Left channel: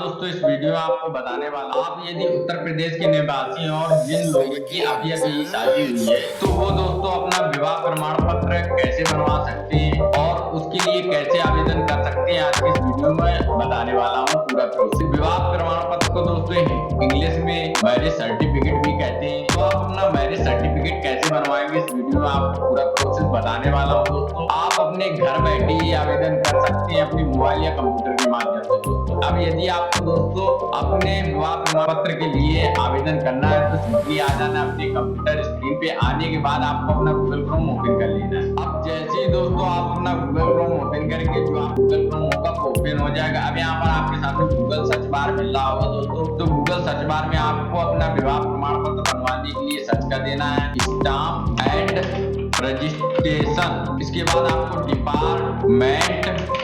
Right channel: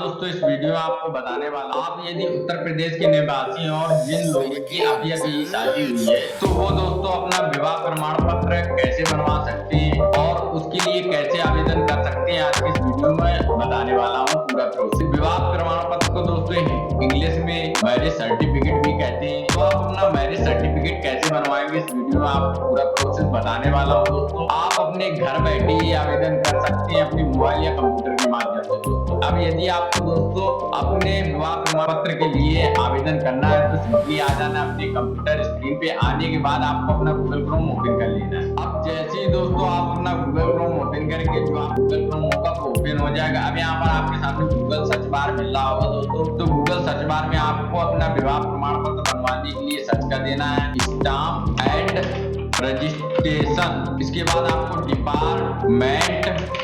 दोस्तों इस वीडियो में आपको बताने वाला आप यदि उत्तर प्रदेश के निवासी हैं और जिन लोगों की अभी अभी शादी हुई है तो वो दोस्तों अपना विवाह प्रमाण पत्र कैसे बनवा सकते हैं और उसके लिए कैसे आवेदन कर सकते हैं आज की इस वीडियो में बताने वाला हूँ पूरा प्रोसेस। विवाह प्रमाण पत्र को दोस्तों इंग्लिश में मैरिज सर्टिफिकेट भी कहते हैं। तो आप अपना मैरिज सर्टिफिकेट कैसे बनवाएंगे इस वीडियो में आपको पूरा प्रोसेस बताने वाला हूँ दोस्तों। आप अपने घर बैठे ही आवेदन कर सकते हैं अपनी मोबाइल या कंप्यूटर के माध्यम से दोस्तों। अब यदि आपको दोस्तों अपने विवाह प्रमाण पत्र के लिए आवेदन करना है तो सिंपली आ जाना अपने कंप्यूटर स्क्रीन पे। आने के बाद आपको अपना गूगल क्रोम ओपन कर लेना है। अब जैसे ही दोस्तों आप अपना गूगल क्रोम ओपन करेंगे जो आप गूगल क्रोम होगा वो ओपन हो जाएगा। अब यहाँ पर आपके सामने गूगल सर्च बार मिल रहा होगा दोस्तों। तो गूगल सर्च बार में आपको अपना विवाह प्रमाण पत्र बनवाने के लिए सर्च कर देना है स्टाम्प एंड रजिस्ट्रेशन। इसके बाद आपको department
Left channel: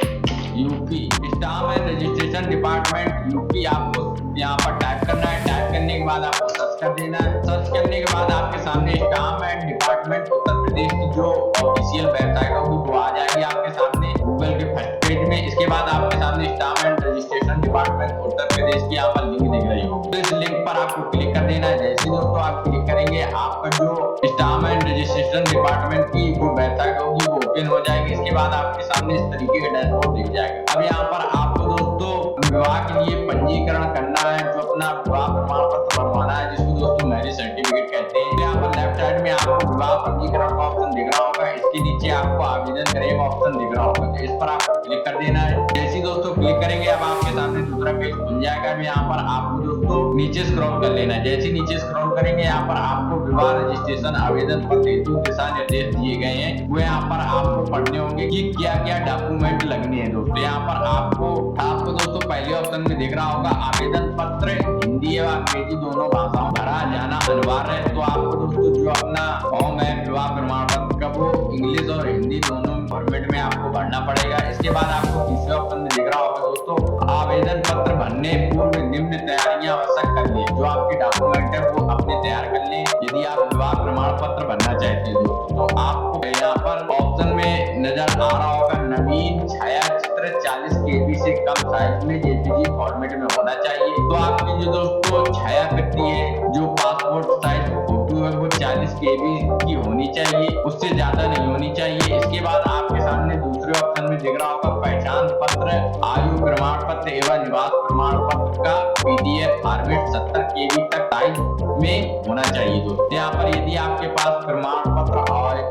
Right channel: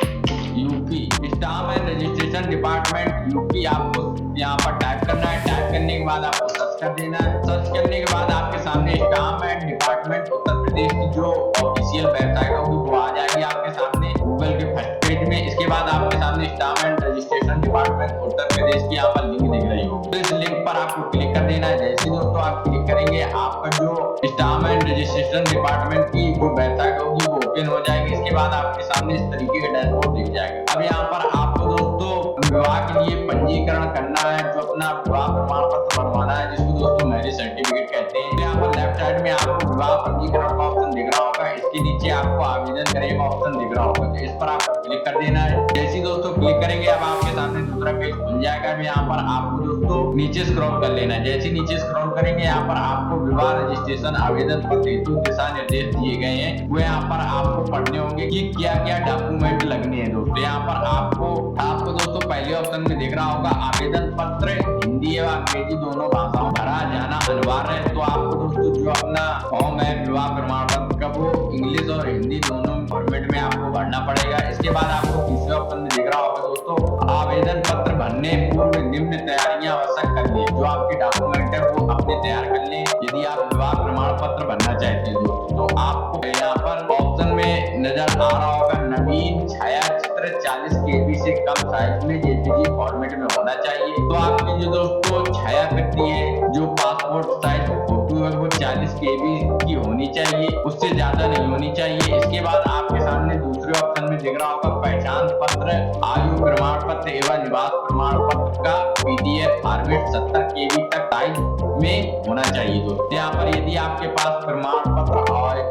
UP, stamp and registration department UP आपको यहाँ पर टाइप करना है। टाइप करने के बाद आपको सर्च कर देना है। सर्च करने के बाद आपके सामने stamp and department Uttar Pradesh की जो ऑफिशियल वेबसाइट होगी वो आ जाएगी आपके सामने गूगल के फर्स्ट पेज में। इसके बाद आपके सामने stamp and registration department Uttar Pradesh की यहाँ पर लिंक दिख रही होगी। तो इस लिंक पर आपको क्लिक कर देना है। जैसे दोस्तों आप क्लिक करेंगे आपका जो स्टाम्प एंड रजिस्ट्रेशन डिपार्टमेंट की जो वेबसाइट होगी वो ओपन हो जाएगी। इसके बाद आपके सामने इस तरीके का डैशबोर्ड दिख जाएगा। अब यहाँ पर आपको दोस्तों विवाह के लिए पंजीकरण करना है, जो अपना विवाह प्रमाण पत्र बनवाना है जिसको दोस्तों मैरिज सर्टिफिकेट कहते हैं। यहाँ पर लेफ्ट साइड में आपको विवाह पंजीकरण का ऑप्शन दिख रहा होगा। इसके नीचे आपको आवेदन करने का ऑप्शन दिख रहा होगा। तो इस पर आपको क्लिक कर देना है। जैसे दोस्तों क्लिक करेंगे अब आपके सामने दूसरा पेज खुल जाएगा। अब यहाँ पर आपको दोस्तों नीचे स्क्रॉल कर लेना है। जैसे नीचे स्क्रॉल करेंगे यहाँ पर आपको विवाह रजिस्ट्रेशन आवेदन पत्र हेतु दिशा निर्देश दिए गए हैं। वो यहाँ पर आपको पढ़ने होंगे कि क्या क्या डॉक्यूमेंट लगने हैं दोस्तों। यहाँ पर आपको दोस्तों पहले ऑप्शन में दिख रहा होगा आवेदन पत्र हिंदी एवं अंग्रेजी दोनों भाषाओं भरा जाना अनिवार्य है। तो आपको दोस्तों जो अपना फॉर्म है विवाह प्रमाण पत्र का वो इंग्लिश और हिंदी दोनों फॉर्मेट में आपको भरना पड़ेगा। इसके बाद आपको तीसरे ऑप्शन में दिख रहा होगा दोस्तों आवेदन पत्र भरने पूर्व निम्न तैयारियां आवश्यक कर लें। जो आपके डॉक्यूमेंट है वो अपने तैयार कर लें यदि आप विवाह प्रमाण पत्र भरना चाहते हैं दोस्तों। तो आपको यहाँ पर ऑप्शन में नजर आ रहा होगा नवीन छायाचित्र 40 KB से कम साइज में JPG फॉर्मेट में होना चाहिए। तो आपकी जो दोस्तों छायाकृति है जो पासपोर्ट साइज फोटो है वो 40 KB की होनी चाहिए, उससे ज्यादा नहीं होनी चाहिए। इसके बाद आपके सामने दूसरे ऑप्शन में दिख रहा होगा पहचान पत्र आयु प्रमाण पत्र एवं निवास प्रमाण पत्र का PDF फॉर्मेट 70 KB तक साइज में होना चाहिए दोस्तों। यहाँ पर यदि आपके पास प्रमाण पत्र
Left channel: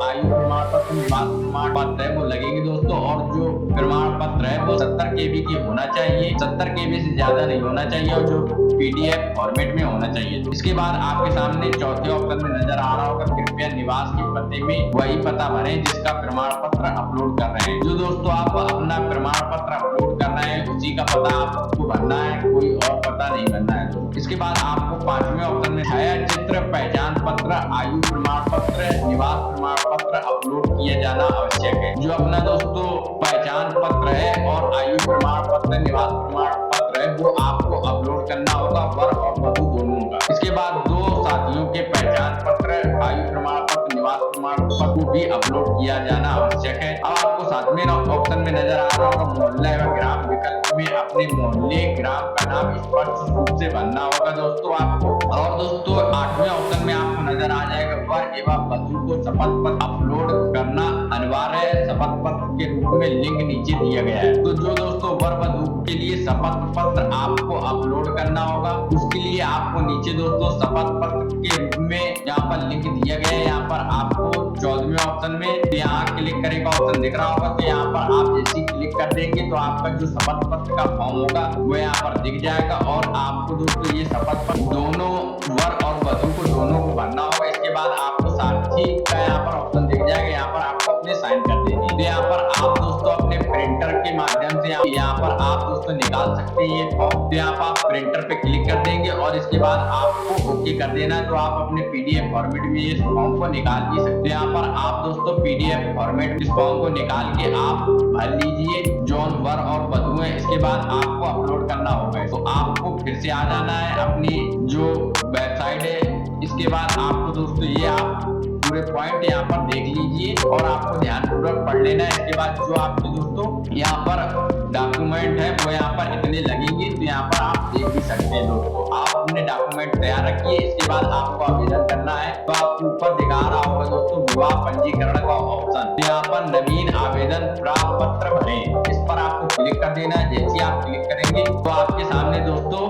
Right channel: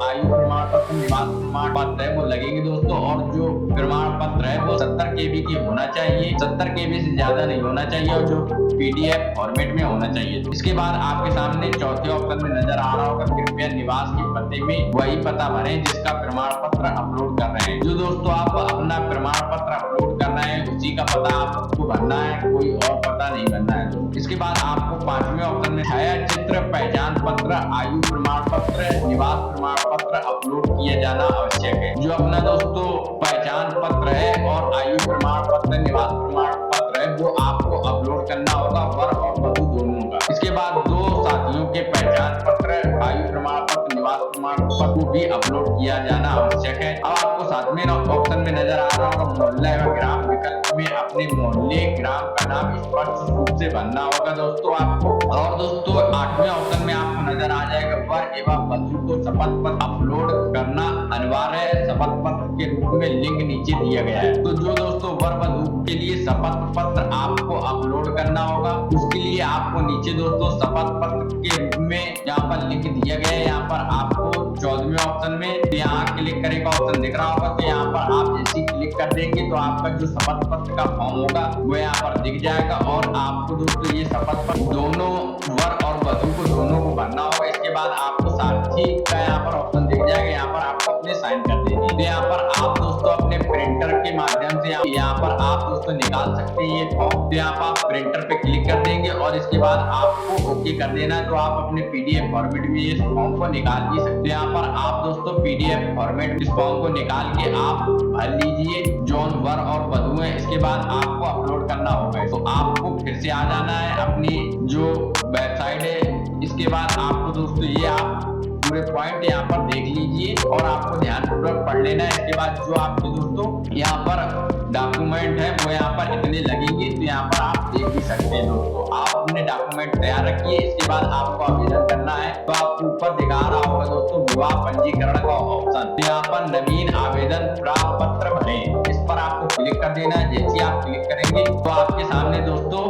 आयु प्रमाण पत्र निवास प्रमाण पत्र है वो लगेंगे दोस्तों, और जो प्रमाण पत्र है वो 70 KB की होना चाहिए, 70 KB से ज्यादा नहीं होना चाहिए, और जो PDF फॉर्मेट में होना चाहिए। इसके बाद आपके सामने चौथे ऑप्शन में नजर आ रहा होगा कृपया निवास के पते में वही पता भरें जिसका प्रमाण पत्र अपलोड कर रहे हैं। जो दोस्तों आप अपना प्रमाण पत्र अपलोड कर रहे हैं उसी का पता आपको भरना है, कोई और पता नहीं भरना है दोस्तों। इसके बाद आपको पांचवें ऑप्शन में छायाचित्र पहचान पत्र आयु प्रमाण पत्र निवास प्रमाण पत्र अपलोड किया जाना आवश्यक है। जो अपना दोस्तों पहचान पत्र है और आयु प्रमाण पत्र निवास प्रमाण पत्र है वो आपको अपलोड करना होगा वर और वधु दोनों का। इसके बाद दो साथियों के पहचान पत्र आयु प्रमाण पत्र निवास प्रमाण पत्र को भी अपलोड किया जाना आवश्यक है। अब आपको सातवें ऑप्शन में नजर आ रहा होगा मोहल्ला एवं ग्राम विकल्प में अपने मोहल्ले ग्राम का नाम स्पष्ट रूप से भरना होगा दोस्तों आपको। और दोस्तों आठवें ऑप्शन में आपको नजर आ जाएगा वर एवं वधु को शपथ पत्र अपलोड करना अनिवार्य है, शपथ पत्र के रूप में लिंक नीचे दिया गया है। तो जो दोस्तों वर वधु के लिए शपथ पत्र आपको अपलोड करना होगा उसके लिए आपको नीचे दोस्तों शपथ पत्र के रूप में यहाँ पर लिंक दिया गया है। यहाँ पर आपको 14वें ऑप्शन में यहाँ क्लिक करे का ऑप्शन दिख रहा होगा। तो यहाँ पर आप जैसे क्लिक कर देंगे तो आपका जो शपथ पत्र का फॉर्म होगा वो यहाँ पर दिख जाएगा, और आपको दोस्तों ये शपथ पत्र दोनों वर और वधु को दोनों को भरना होगा। इसके बाद आपको साथी का यहाँ पर ऑप्शन दिख जाएगा, यहाँ पर आपको अपने साइन कर देनी है। तो यहाँ पर आप दोस्तों अपने प्रिंटर के माध्यम से यहाँ पर आप दोस्तों निकाल सकते हैं ये फॉर्म। तो यहाँ पर आप प्रिंटर पे क्लिक कर देंगे और इसके बाद आपको ओके कर देना है। तो आप अपने PDF फॉर्मेट में इस फॉर्म को निकाल भी सकते हैं। यहाँ पर आप दोस्तों PDF फॉर्मेट इस फॉर्म को निकाल के आप भर लीजिए जौन वर और वधु है। इसके बाद आपको अपलोड करना होगा। तो आपको फिर से आ जाना है अपनी जो वेबसाइट है। इसके बाद आपको दोस्तों ये आप पूरे पॉइंट यहाँ पर देख लीजिए और आपको ध्यानपूर्वक पढ़ लेना है। इसके बाद जो आपके दोस्तों यहाँ पर डॉक्यूमेंट है वो यहाँ पर इतने लगेंगे, तो यहाँ पर आप देख भी सकते हैं दोस्तों। आप अपने डॉक्यूमेंट तैयार रखिए, इसके बाद आपको आवेदन करना है। तो आपको ऊपर दिखा रहा होगा दोस्तों विवाह पंजीकरण का ऑप्शन, यहाँ पर नवीन आवेदन प्राप्त पत्र भरें, इस पर आपको क्लिक कर देना है। जैसे आप क्लिक करेंगे तो आपके सामने दोस्तों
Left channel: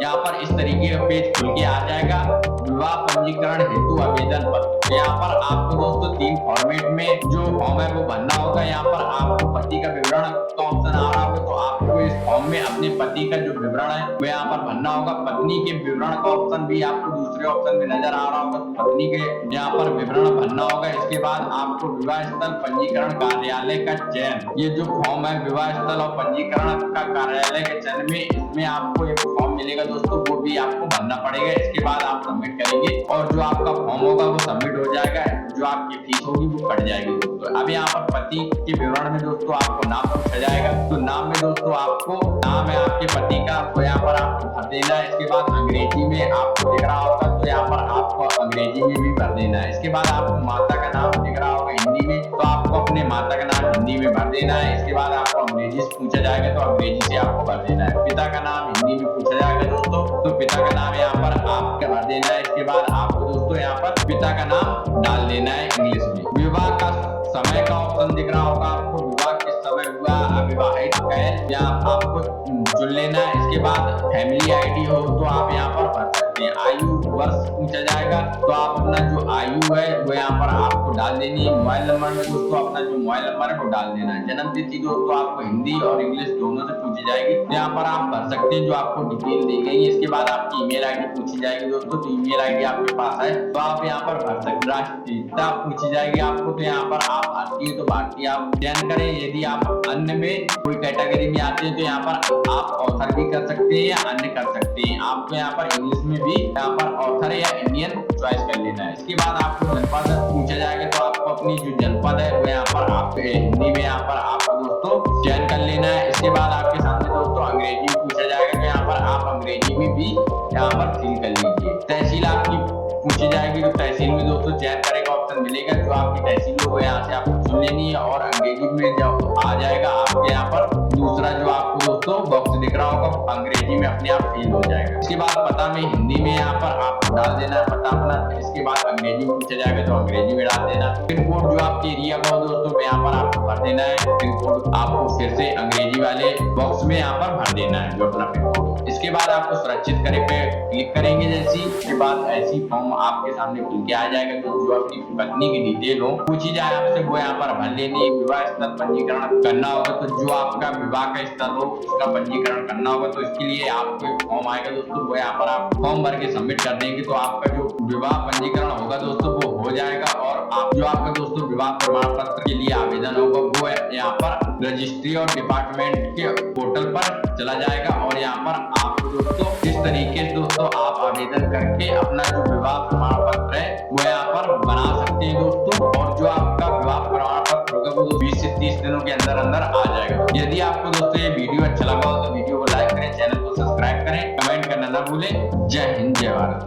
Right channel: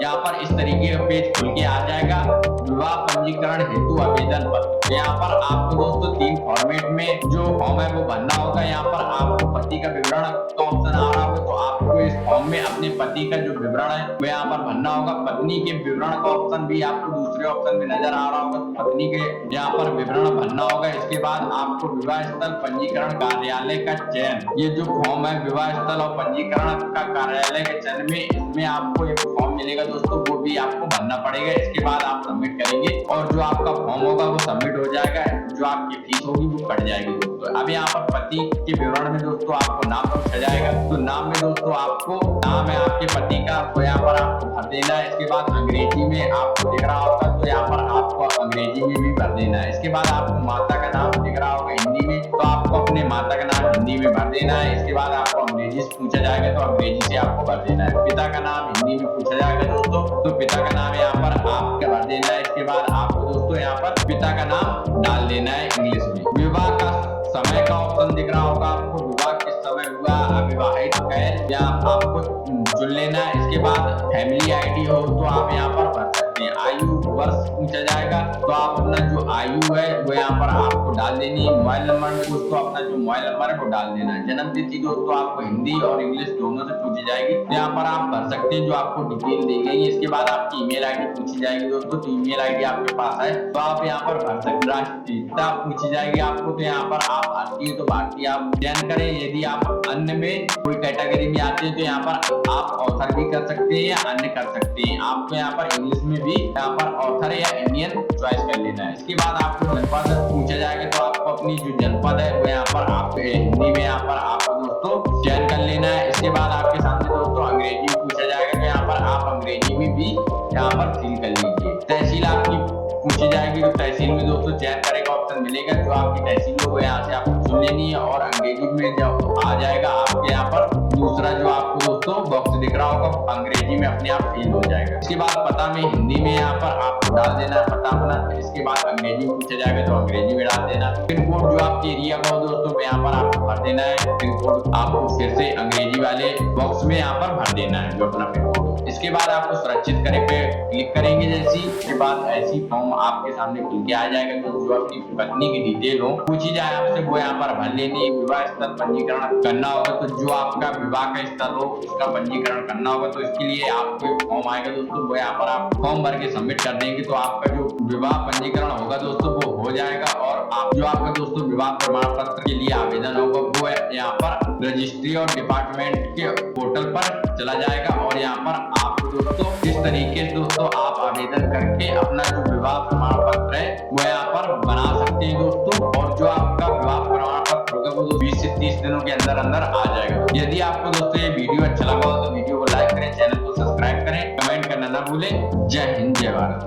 यहाँ पर इस तरीके का पेज खुल के आ जाएगा, विवाह पंजीकरण हेतु आवेदन पत्र। यहाँ पर आपको दोस्तों 3 फॉर्मेट में जो फॉर्म है वो भरना होगा। यहाँ पर आपको पति का विवरण का ऑप्शन आ रहा होगा, तो आपको इस फॉर्म में अपने पति का जो विवरण है वो यहाँ पर भरना होगा। पत्नी के विवरण का ऑप्शन भी आपको दूसरे ऑप्शन में नजर आ रहा होगा, तो पत्नी के यहाँ पर विवरण भरना होगा। इसके बाद आपको विवाह स्थल पंजीकरण कार्यालय का चयन, ये जो फॉर्म है विवाह स्थल और पंजीकरण का कार्यालय के चयन में, इसमें आपको एक फॉर्म मिलेगा दोस्तों, वो भी आपको भरना पड़ेगा। इसके बाद आप सबमिट करेंगे और जो आपका फॉर्म होगा वो सबमिट हो जाएगा, जो आपकी फीस होगी वो कट जाएगी दोस्तों। अब यहाँ पर पति के विवरण में दोस्तों आपको नाम पूछा जाएगा, तो नाम में दोस्तों आपको नाम है आपके पति का वो यहाँ पर आपको भर देना है। इसके बाद अंग्रेजी में आपको दिख रहा होगा, तो यहाँ पर आपको अंग्रेजी में भी भर देना है। इसके बाद आपको माता का नाम दिख रहा होगा हिंदी में, तो आपको अपने माता का नाम हिंदी में भर देना है। इसके बाद आपको अंग्रेजी से पूछा जाएगा, तो अंग्रेजी से आपको भर देना है। पिता का नाम हिंदी में पूछा जाएगा दोस्तों, तो पिता का नाम यहाँ पर आपका भर देना है। इसके बाद आपको दोस्तों यहाँ पर पिता का नाम डाल देना है इंग्लिश में। विवाह का समय का ऑप्शन दिख रहा होगा आपको, विवाह किस समय हुआ, अविवाहित कैल, या आपको चुन लेना है। इसके बाद फैमिली आईडी हो तो आप यहाँ पर भर सकते हैं। आयु वर्ष पूछा जाएगा, तो आप अपना जो आयु है वो यहाँ पर आपको डाल देनी है। मोबाइल नंबर में दोस्तों अपना जो मोबाइल नंबर है वो डाल देना है। जन्म तिथि दोस्तों आपको हिंदी और इंग्लिश दोनों से पूछी जाएगी, यहाँ पर आप भर सकते हैं जो आपको डिटेल दी गई है। इसके बाद आपकी ईमेल आईडी पूछी जाएगी दोस्तों, तो ईमेल आईडी आपके पास है तो आप यहाँ पर भर सकते हैं। राष्ट्रीयता पूछी जाएगी आपको, तो यहाँ पर आप भारतीय तो भारतीय आप चयन करें। यदि आप अन्य में कोई कैटेगरी में आते हैं तो यहाँ पर आप ऑथर भी कर सकते हैं या अन्य कर सकते हैं। आपको यहाँ पर इंग्लिश में भी यहाँ पर ऑथर या इंडियन चॉइस कर लेना है। इसके बाद आपको जनपद पूछा जाएगा, तो आपको अपनी जो जनपद है वो यहाँ पर आप हिंदी में यहाँ पर आपको दोस्तों चयन कर लेना है। इसके बाद आपके सामने दोस्तों अंग्रेजी पूछा जाएगा, तो यहाँ पर आप अंग्रेजी में भी यहाँ पर फिल कर लीजिए। तहसील आपकी पूछी जाएगी, तो तहसील में दोस्तों चयन करेगा ऑप्शन मिलेगा, जो आपकी तहसील हो वो यहाँ से आपको चुन लेनी है। और अंग्रेजी में जब आ जाएगा आपके यहाँ पर दूसरा जो आपको दोस्तों बॉक्स दिख रहा होगा, अंग्रेजी में अपने आप फिल हो जाएगा। इसके बाद पता में हिंदी में यहाँ पर आपको डाल देना है पता अपना। इसके बाद अंग्रेजी में पूछा जाएगा तो अंग्रेजी में डाल देना। पिन कोड जो आपके एरिया का हो दोस्तों यहाँ पर आपको भर देना है। पिन कोड आपको फिर से अंग्रेजी वाले बॉक्स में यहाँ पर भर देना है जो अपना पिन कोड। इसके बाद आपको सुरक्षित करे पे क्लिक करेंगे जैसी, इसके बाद ऐसी फॉर्म आपके सामने खुल के आ जाएगा। तो जो अपनी पत्नी की डिटेल हो पूछी जाए आपसे वो यहाँ पर भर लेनी। विवाह स्थल पंजीकरण करना होगा, तो जो आपका विवाह का स्थल हो उसका पंजीकरण करना होगा, तो इसके लिए आपको एक फॉर्म आएगा दोस्तों, वो यहाँ पर आप फॉर्म भर के सबमिट कर देंगे तो आपका जो विवाह पंजीकरण होगा दोस्तों वो हो जाएगा। और आप जो आपका दोस्तों विवाह प्रमाण पत्र के लिए आवेदन होगा वो यहाँ पर रजिस्ट्री और डिपार्टमेंट के पोर्टल पर चला जाएगा। और यहाँ पर आपको दोस्तों इस तरीके से दोस्तों आप आवेदन करके अपना जो विवाह प्रमाण पत्र है वो यहाँ पर बना सकते हैं दोस्तों। और जो आपका विवाह प्रमाण पत्र होगा वो 20 से 30 दिनों के अंदर अंदर आ जाएगा। यदि आपको दोस्तों ये वीडियो अच्छा लगा हो तो वीडियो को लाइक करें, चैनल को सब्सक्राइब करें, कमेंट करना ना भूलें। जय हिंद, जय भारत।